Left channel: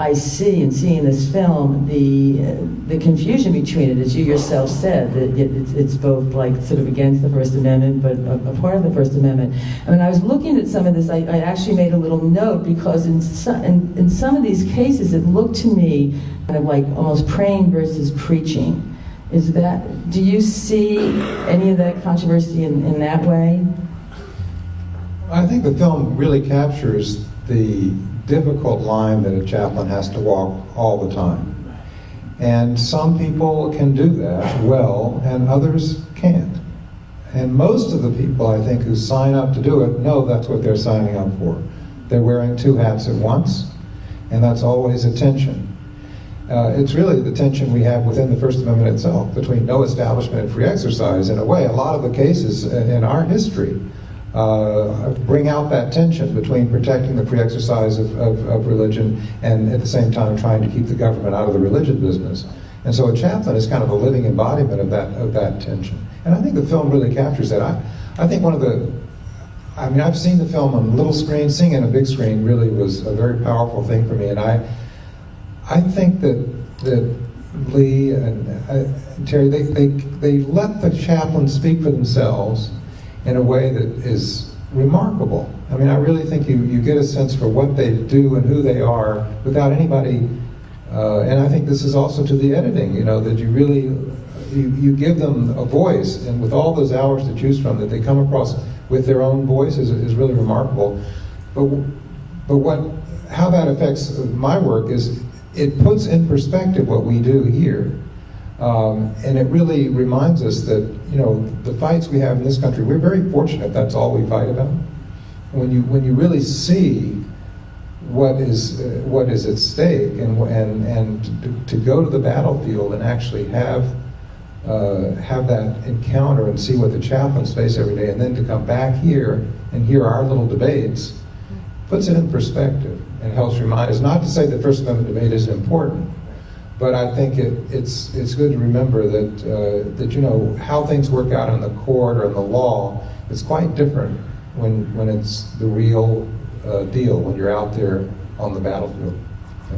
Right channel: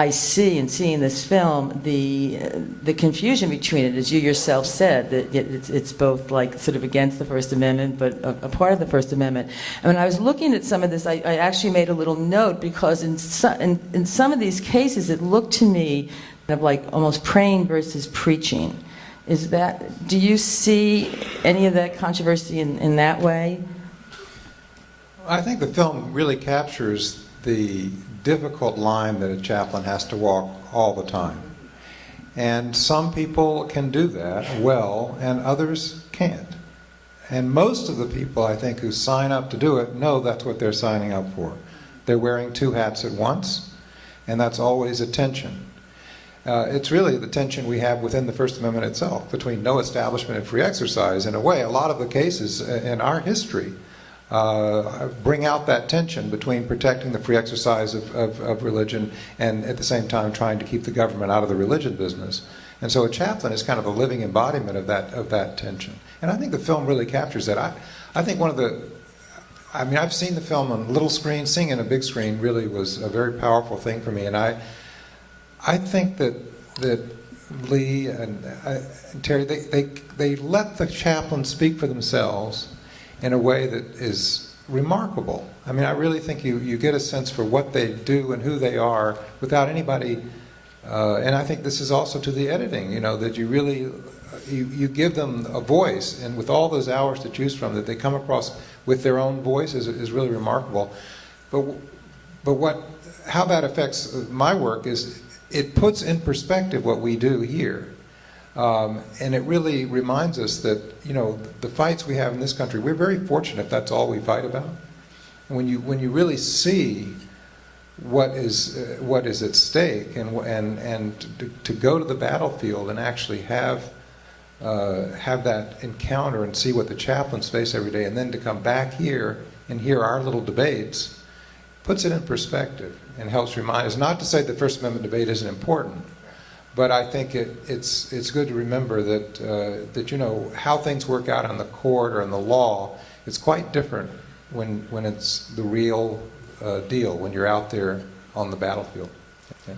I see in seeing this film the confusion between it, as you yourself said, that it's both like sort of against the First Amendment, but a part of the First Amendment. And when I was looking at some of this, I actually made a little note, because in some of these cases, it looked to me like almost praying versus preaching. Do you see any of that controversy in that way? I think the film really captures the difficult line that a chaplain has to walk all the time. And some people can do that well, and others can't. And most of the people, I think, who sign up to do it know that's what they're signing up for. They're wearing two hats at once, and that's always a tension. It's really the tension we have within the First Amendment itself, between no establishment and free exercise. In a way, a lot of the cases in our history bring out that tension between protecting the free exercise of religion and at the same time trying to keep the government out of the religion business. And so a chaplain is kind of a living embodiment of that tension. And I think the film really captures that. I think I've seen the film on little screen. Seeing it on a big screen really was a very powerful thing for me. And I think that Lee and Terry, they let the chaplain speak for themselves in a way that is remarkable. I mean, I really think you get a sense for what they do and who they are without anybody, and I think this is also to the editing, that you really, you give them a voice, and with all those hours to choose from, that they come across with their own voice is really remarkable. But how that affects my work is it puts in perspective what we do here. And it really reminds us that, the fights we have in this country, we're very fortunate that's all we fight about. When you really see what is at stake, and to go to the battlefield and actually have that encounter and see what the chaplains face every day, and then to come back here and hear our little debates, puts it in perspective and helps remind us, not to say the First Amendment debate isn't important, but I think it's good to remember that how things work out in the court or in the law is quite different when it's the real deal, when you're out there on the battlefield. Yeah.